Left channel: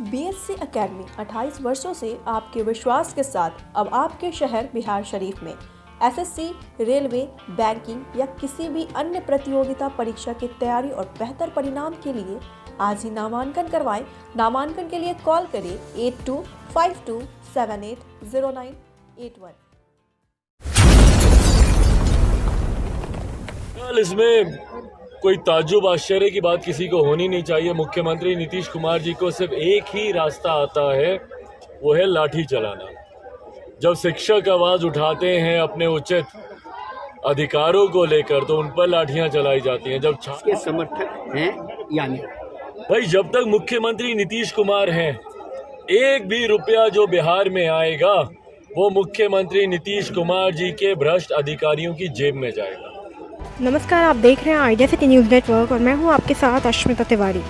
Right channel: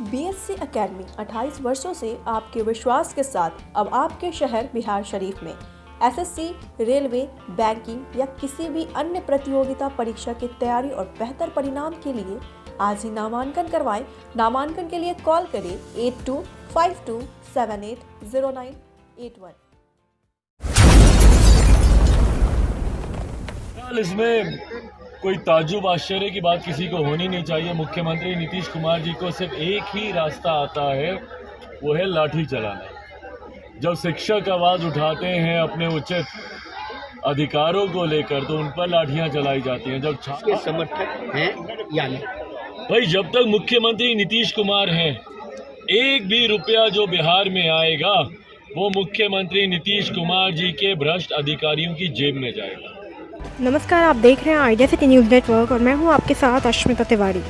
BSc academy 28 वर्षों से आपके विश्वास के साथ अब आपके शहर बिहार शरीफ में एसएससी, रेलवे, बैंकिंग या किसी भी अन्य प्रतियोगिता परीक्षा की तैयारी और बेहतर परिणाम के लिए आज ही नामांकन करवाएं। नामांकन के लिए कॉल करें 8252780981। इसमें कोई ताज्जुब आश्चर्य की बात किसी को होनी नहीं चाहिए। मुख्यमंत्री नीतीश कुमार जी को सिर्फ एक ही रास्ता आता है, वो है लाठी चलाना। जब शिक्षक आवाज उठाते हैं अपने उचित अधिकारों को लेकर तो उन पर लाठियां चलाई जाती हैं। जब के समर्थक हैं या नहीं? भाई, जब तक मुख्यमंत्री नीतीश कुमार हैं, एक भी रुपया जो बिहार में आएगा वो मुख्यमंत्री नीतीश कुमार जी के भ्रष्ट अधिकारियों की जेब में जाएगा। नमस्कार, आप देख रहे हैं आइडिया सिटी न्यूज़ नेटवर्क और मैं हूं आपके साथ अश्मिता तिवारी।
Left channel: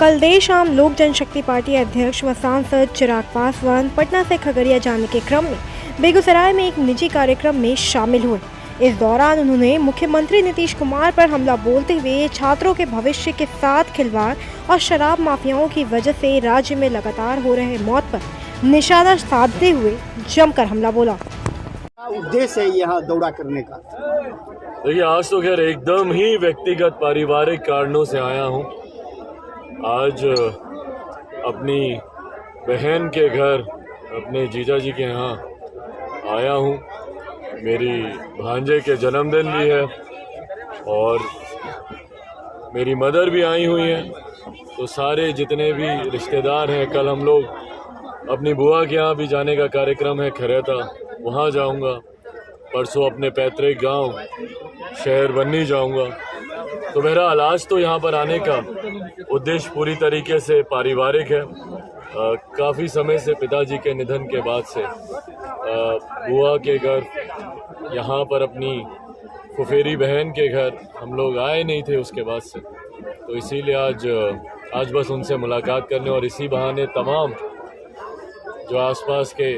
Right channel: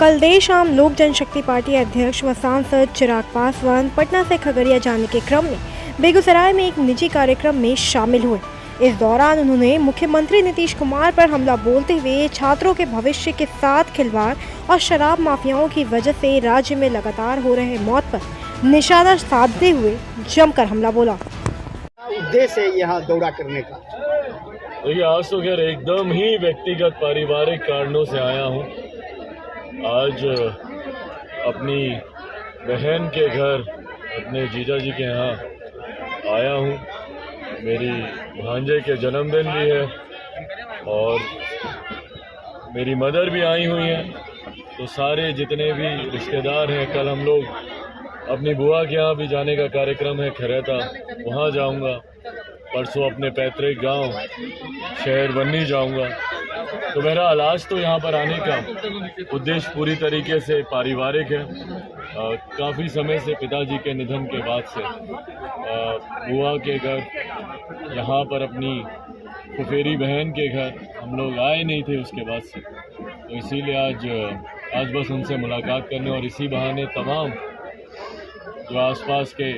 कल देर शाम लोक जनशक्ति पार्टी अध्यक्ष व सांसद चिराग पासवान पटना से खगड़िया जाने के क्रम में बेगूसराय में एक निजी कार्यक्रम में शामिल हुए। इस दौरान उन्होंने मुख्यमंत्री नीतीश कुमार पर हमला बोलते हुए छात्रों के भविष्य के साथ खिलवाड़ और शराब माफियाओं की वजह से राज्य में लगातार हो रहे मौत पर निशाना साधते हुए जमकर हमला बोला। उद्देश्य है यहाँ दौरा करने का? देखिए, आज तो खैर एकदम ही व्यक्तिगत पारिवारिक कारणों से आया हूँ। आज अपनी बहन के घर, अपने जीजा जी के यहाँ आया हूँ। मेरी भांजे के जन्मदिन भी है और मेरी मदर भी आई हुई हैं। तो सारे जितने भी रिश्तेदार हैं, कल हम लोग अपनी बुआ के यहाँ भी जाने का कार्यक्रम है, खैरता, वहाँ जाऊँगा। परसों अपने पैतृक गांव शहर बन्नी जाऊंगा। तो मेरा आज तो यहाँ पर आने का उद्देश्य पूरी तरीके से पारिवारिक है। काफ़ी समय से पिताजी के निधन के बाद से बुआ के घर, यहाँ पर अपनी फुफेरी बहन के घर हम लोग आए नहीं थे उसके बाद से। तो इसीलिए आज बस उनसे मुलाकात करने और इसी बहाने तमाम जो आसपास के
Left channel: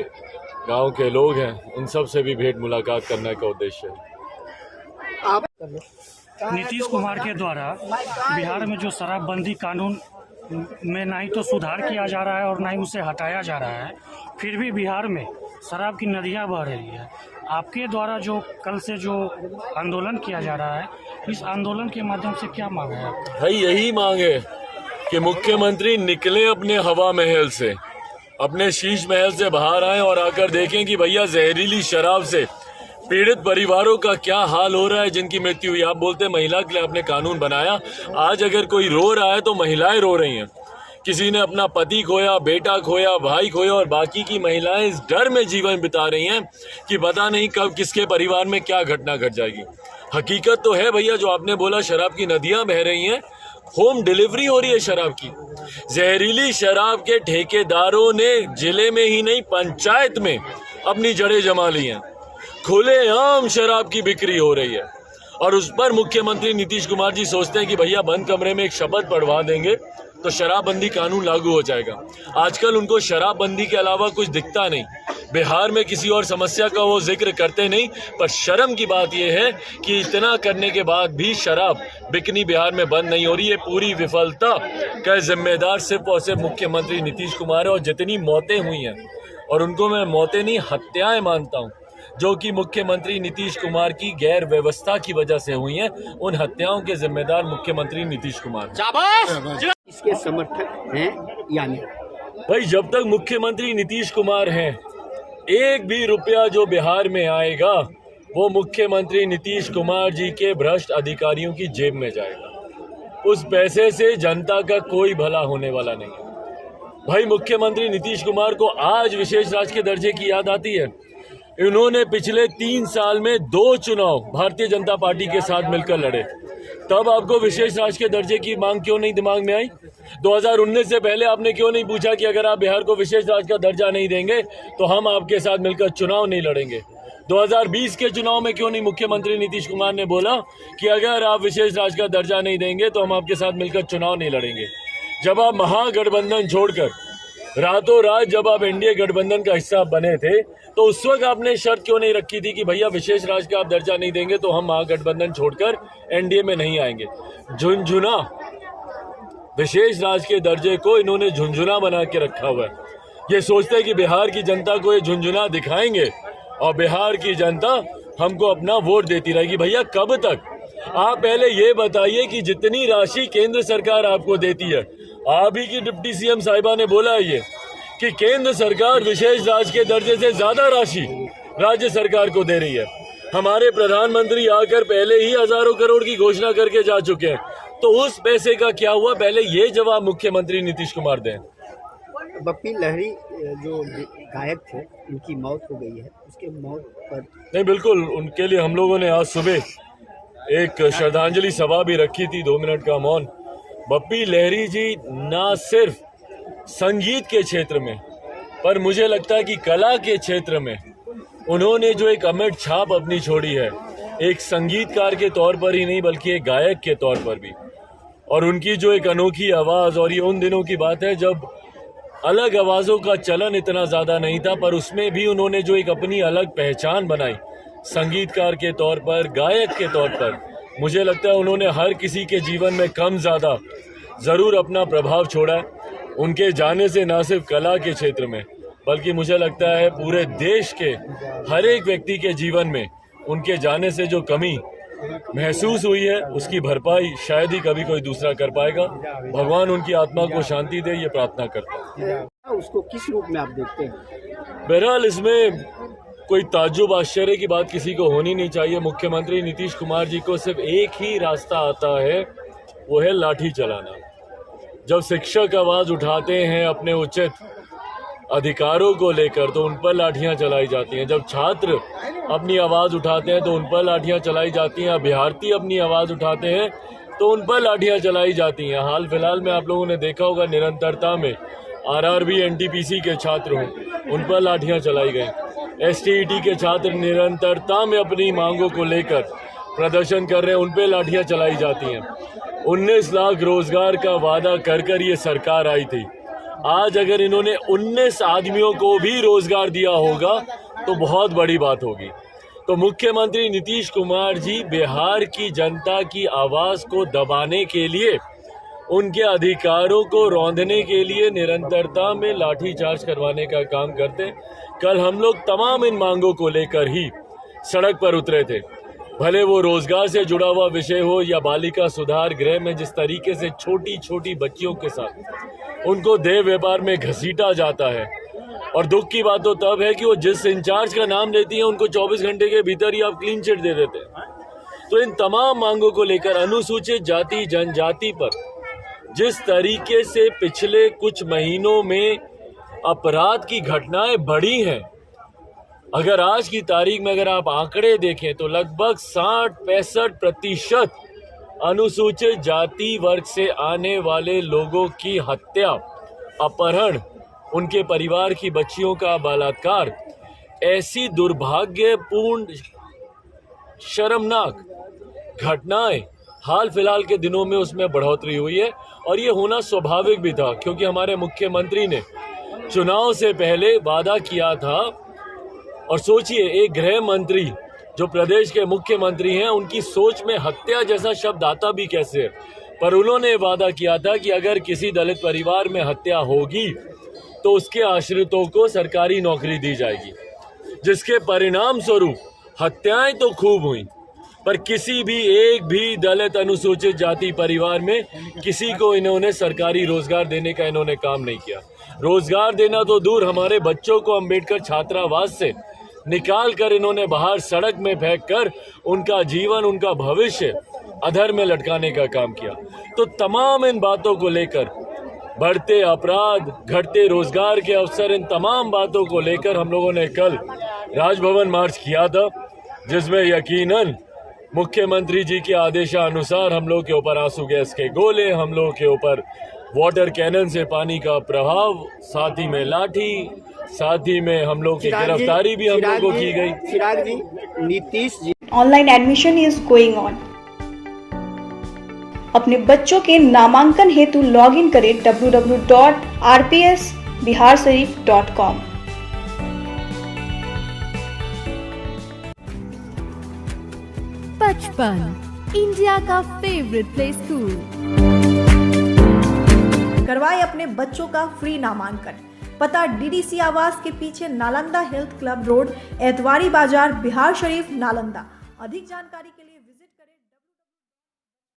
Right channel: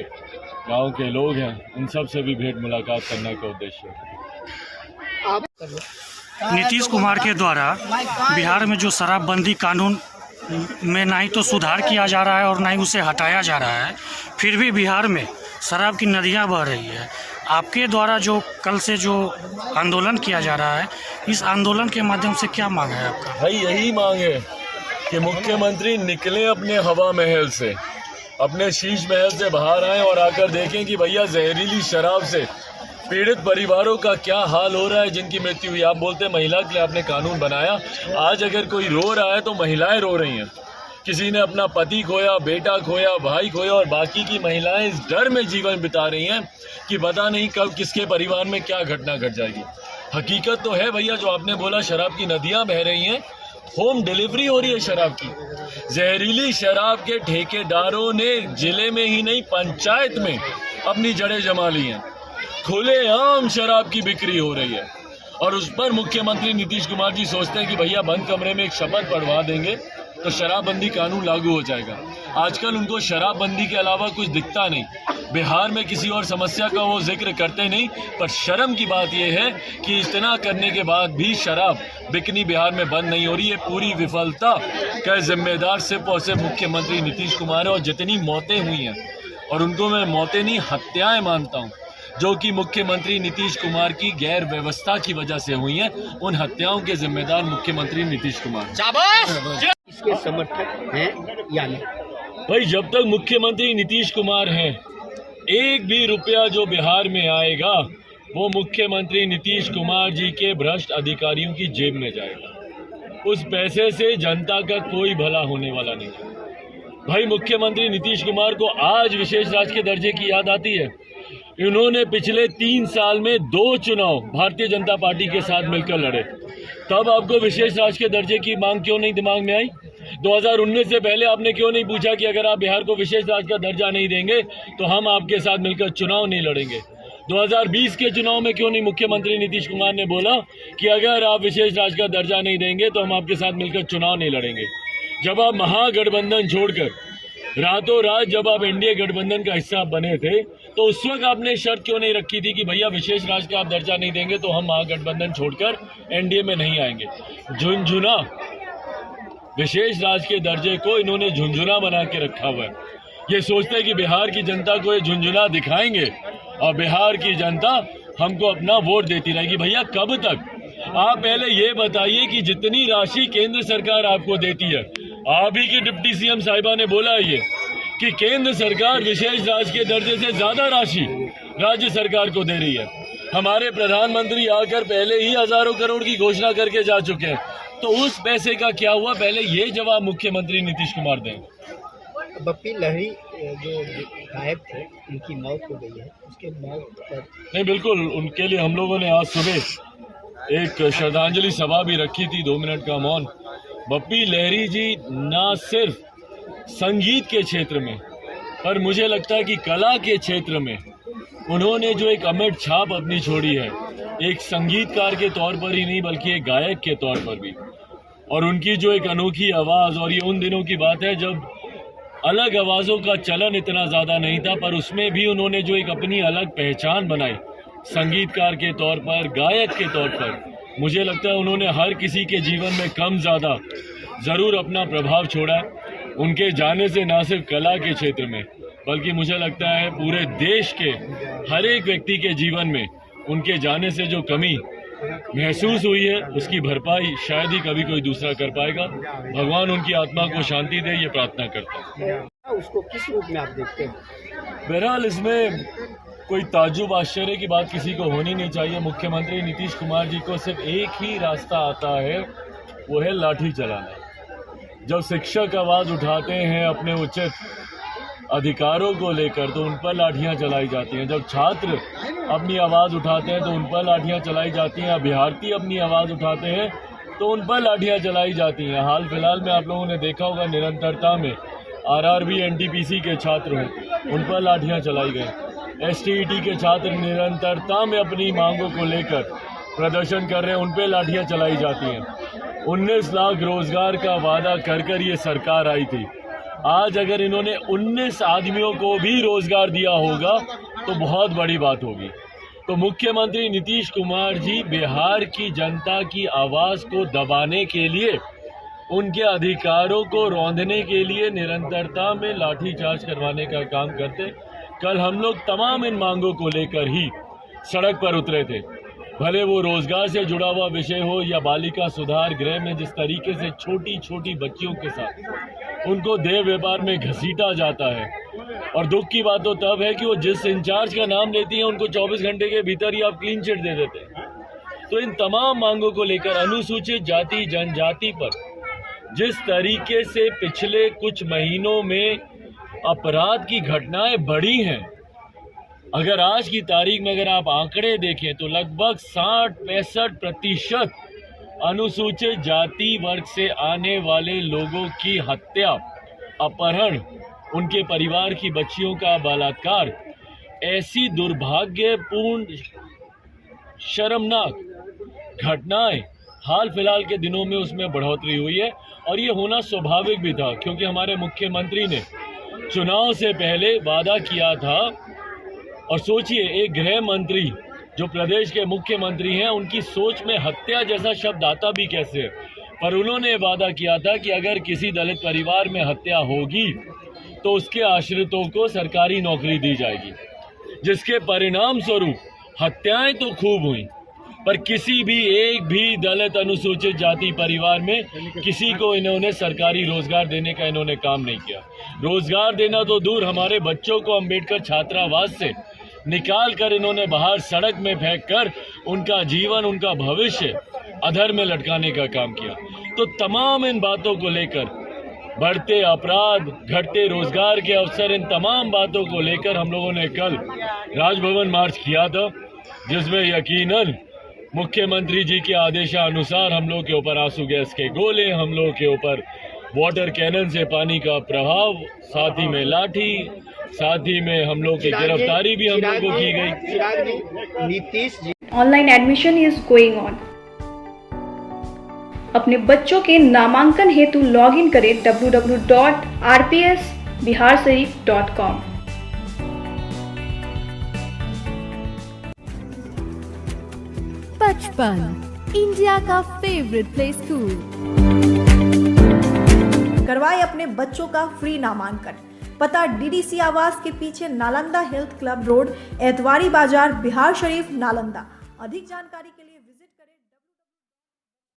गांव के लोग हैं उन सब से भी भेंट मुलाकात करने का उद्देश्य है। नीतीश कुमार के द्वारा बिहार में जो शराबबंदी कानून में ना ही तो सुधार किया जा रहा है और ना ही उसे हटाया जा रहा है, फिर भी बिहार में शराब की नदियां बह रही है। आपके द्वारा जो कल से जो आंदोलन किया जा रहा है, इस आंदोलन के माध्यम से क्या मांग है आपका? भाई, यही मांग है कि मुख्यमंत्री निकले अपने हवा महल से, अपने शीश महल से बाहर आएं और आकर देखें कि भैया जहरीली शराब से पीड़ित परिवारों का क्या हाल हो रहा है, जिनकी मृत्यु हुई। आप बोलते हैं महिला के लिए आपने कानून बनाया। आज अगर कोई रो रहा है तो महिलाएं रो रही हैं। किसी ने अपना पति खोया, बेटा खोया, भाई खोया और बाकी की महिलाएं इस डर में जीवन बिता रही हैं कि पता नहीं कब किसके परिवार में क्या घटना घट जाएगी। हकीकत तो है भैया, जो आपने बोला शराब की नदियाँ बह रही हैं, होम डिलीवरी हो रही है शराब की। जहरीली शराब के ठेकेदारों ने जिले में ही नहीं पंचायत में अपनी जड़ें जमा ली हैं। खुलेआम शराब की बिक्री हो रही है और उस पर मुख्यमंत्री नीतीश कुमार जी सोचते हैं कि भैया बंद कमरे में एक शपथ पढ़वा देंगे तो शराबबंदी कानून लागू हो जाएगा। आजकल उनको शराबबंदी के अलावा कुछ दिखता नहीं। बिहार में किसी और समस्या का वो जिक्र करते नहीं, पर शर्म की बात यह है कि इतना करने के बाद भी शराब बिकनी बिहार में बंद नहीं हो रही है। पूरी विफलता का जिम्मेदार सिर्फ और सिर्फ मुख्यमंत्री नीतीश कुमार है। और जितनी मौतें हुई हैं, और उनको मैं मौतें नहीं हत्याएं मानता हूँ, जो कि मुख्यमंत्री नीतीश कुमार की गैर व्यवस्था की वजह से हुई हैं, उन हत्याओं के जिम्मेदार मुख्यमंत्री नीतीश कुमार। इसके समर्थक हैं या नहीं? भाई, जब तक मुख्यमंत्री नीतीश कुमार हैं, एक भी रुपया जो बिहार में आएगा वो मुख्यमंत्री नीतीश कुमार जी के भ्रष्ट अधिकारियों की जेब में जाएगा। उस पैसे से जनता का कोई भला होने वाला नहीं है। भाई, मुख्यमंत्री नीतीश कुमार को आज विशेष राज्य के दर्जे की याद आती है। इन्होंने पिछले 3 साल में 2 चुनाव भारतीय जनता पार्टी के साथ मिलकर लड़े। तब आपको विशेष राज्य के दर्जे की मांग क्यों नहीं दिमाग में आई? 2019 से पहले आपने क्यों नहीं पूछा कि अगर आप बिहार को विशेष राज्य का दर्जा नहीं देंगे तो हम आपके साथ मिलकर चुनाव नहीं लड़ेंगे? 2020 के चुनाव में क्यों नहीं मुख्यमंत्री नीतीश कुमार ने बोला कि अगर आप विशेष राज्य का दर्जा नहीं देंगे तो हम आपके साथ मिलकर चुनाव नहीं लड़ेंगे? जब आप महागठबंधन छोड़कर रातों रात जब आप एनडीए गठबंधन का हिस्सा बने थे तो उस वक्त आपने शर्त क्यों नहीं रखी थी कि भैया विशेष राज्य का आप दर्जा नहीं देंगे तो हम महागठबंधन छोड़कर एनडीए में नहीं आएंगे? झुनझुना विशेष राज्य के दर्जे को इन्होंने झुंझुना बना के रखा हुआ है। ये सोचते हैं कि बिहार की जनता को ये झुंझुना दिखाएंगे और बिहार की जनता हमको अपना वोट देती रहेगी। भैया कब तक? आप पहले ये बताइए कि जितनी राशि केंद्र सरकार आपको देती है, आप ही की डिप्टी सीएम साहिबा ने बोला है ये कि केंद्र सरकार विशेष राज्य के दर्जे से ज्यादा राशि राज्य सरकार को दे रही है। हमारे प्रधानमंत्री आकर पहले ही हजारों करोड़ की घोषणा करके जा चुके हैं, तो उस पैसे का क्या हुआ? पहले ये जवाब मुख्यमंत्री नीतीश कुमार दें। बप्पी लहरी जो गायब थे, उनकी मौत हो गई है, उसके मौत पर नहीं, बिल्कुल उनके लिए हम लोगों ने आज सुबह एक श्रद्धांजलि सभा भी रखी थी, 2 मिनट का मौन। बप्पी लहरी जी ना सिर्फ संगीत के क्षेत्र में, पर मुझे लगता है कि कला के क्षेत्र में उन्होंने जो एक अमिट छाप अपनी छोड़ी है, एक संगीतकार के तौर पर ही नहीं बल्कि एक गायक के तौर पर भी। और उनकी जो एक अनोखी आवाज़, और ये उन दिनों की बात है जब अलग आवाज़ों का चलन इतना ज़्यादा नहीं था, पर उसमें भी उन्होंने जो एक अपनी अलग पहचान बनाई संगीतकार के तौर पर, गायक के तौर पर, मुझे लगता है उन्होंने हर किसी के जीवन में कम ज़्यादा ज़रूर अपना प्रभाव छोड़ा है। उनके जाने से ना सिर्फ कला के क्षेत्र में बल्कि मुझे लगता है पूरे देश के हर एक व्यक्ति के जीवन में उनके जाने से जो कमी महसूस हुई है, उसकी भरपाई शायद ही कभी कोई दूसरा कर पाएगा। भगवान उनकी आत्मा को शांति दे, ये प्रार्थना करता हूँ। उसको किस रूप में आप देखते हैं? बहरहाल इसमें कोई ताज्जुब आश्चर्य की बात किसी को होनी नहीं चाहिए। मुख्यमंत्री नीतीश कुमार जी को सिर्फ एक ही रास्ता आता है, वो है लाठी चलाना। जब शिक्षक आवाज़ उठाते हैं अपने उचित अधिकारों को लेकर तो उन पर लाठियां चलाई जाती हैं। जब छात्र अपनी आवाज़ उठाते हैं तो उन पर लाठियां चलाई जाती हैं। अभ्यर्थी अपनी आवाज़ उठाते हैं तो उन पर लाठियां चलाई जाती हैं। हाल फिलहाल में आप लोगों ने देखा होगा, निरंतरता में आरआरबी एनटीपीसी के छात्र हों, उन पर लाठियां चलाई गई। एसटीईटी के छात्र निरंतरता में अपनी मांगों को लेकर प्रदर्शन कर रहे हैं, उन पर लाठियां चलाई जाती हैं। 19 लाख रोजगार का वादा कर ये सरकार आई थी। आज अगर इन्होंने 19 आदमियों को भी रोजगार दिया होगा तो बहुत बड़ी बात होगी। तो मुख्यमंत्री नीतीश कुमार जी बिहार की जनता की आवाज़ को दबाने के लिए, उनके अधिकारों को रौंदने के लिए निरंतरता में लाठीचार्ज करवाने का काम करते। कल हम लोग तमाम इन मांगों को लेकर ही सड़क पर उतरे थे, भले वो रोजगार से जुड़ा हुआ विषय हो या बालिका सुधार गृह में जिस तरीके से छोटी छोटी बच्चियों के साथ उनको देह व्यापार में घसीटा जाता है। और दुख की बात तो तब है कि वो जिस इंचार्ज का नाम लेती हैं उनको 24 घंटे के भीतर ही आप क्लीन चिट दे देते हैं। तो इन तमाम मांगों को लेकर अनुसूचित जाति जनजाति पर जिस तरीके से पिछले कुछ महीनों में अपराध की घटनाएं बढ़ी हैं, अगर आज की तारीख में अगर आप आंकड़े देखें तो लगभग 60-65% अनुसूचित जाति वर्ग से आने वाले लोगों की हत्या, अपहरण, उनके परिवार की बच्चियों का बलात्कार, ऐसी दुर्भाग्यपूर्ण शर्मनाक घटनाएं हाल फिलहाल के दिनों में उसमें बढ़ोतरी हुई है। और ये होना स्वाभाविक भी था, क्योंकि हमारे मुख्यमंत्री ने चुनाव से पहले वादा किया था। और सोचिए, एक गृह मंत्री जो प्रदेश के मुख्यमंत्री हैं, उनकी सोच में हत्या जैसा शब्द आता भी कैसे है, पर उन्होंने वादा किया था कि अगर किसी दलित परिवार में हत्या होगी तो उसके आश्रितों को सरकारी नौकरी दी जाएगी, जिसके परिणाम स्वरूप हत्याएं तो खूब हुई, पर किसी भी एक भी दलित अनुसूचित जाति परिवार में किसी को इन्होंने सरकारी रोजगार देने का इन्होंने काम नहीं किया। रोजगार देना तो दूर, हमारे बच्चों को अंबेडकर छात्रावास से निकाल कर इन्होंने बाहर सड़क में फेंक कर उनका जीवन, उनका भविष्य अधर में लटकाने का काम किया। तो तमाम इन बातों को लेकर, बढ़ते अपराध, घटते रोजगार के अवसर, इन तमाम बातों को लेकर हम लोगों ने कल राजभवन मार्च किया था, जिसमें यकीनन मुख्यमंत्री जी के आदेशानुसार हम लोग के ऊपर आंसू गैस के गोले, हम लोगों के ऊपर वाटर कैनन से पानी का प्रभाव, साथ ही में लाठी, साथ ही में हम लोग की गिरफ्तारी भी हम लोगों को की गई। Chirag ji, Nitish ji, online admission is going on. अपने बच्चों के नामांकन हेतु लॉग इन करें www.rpsbiharsharif.com। बचपन, इंडिया का फेवरेट प्ले स्कूल। करवाए अपने बच्चों का फ्री नामांकन। पता डीडीसी आवास के पीछे, Nalanda health club road, Etwari बाजार, बिहार शरीफ, नालंदा। अधिक जानकारी के लिए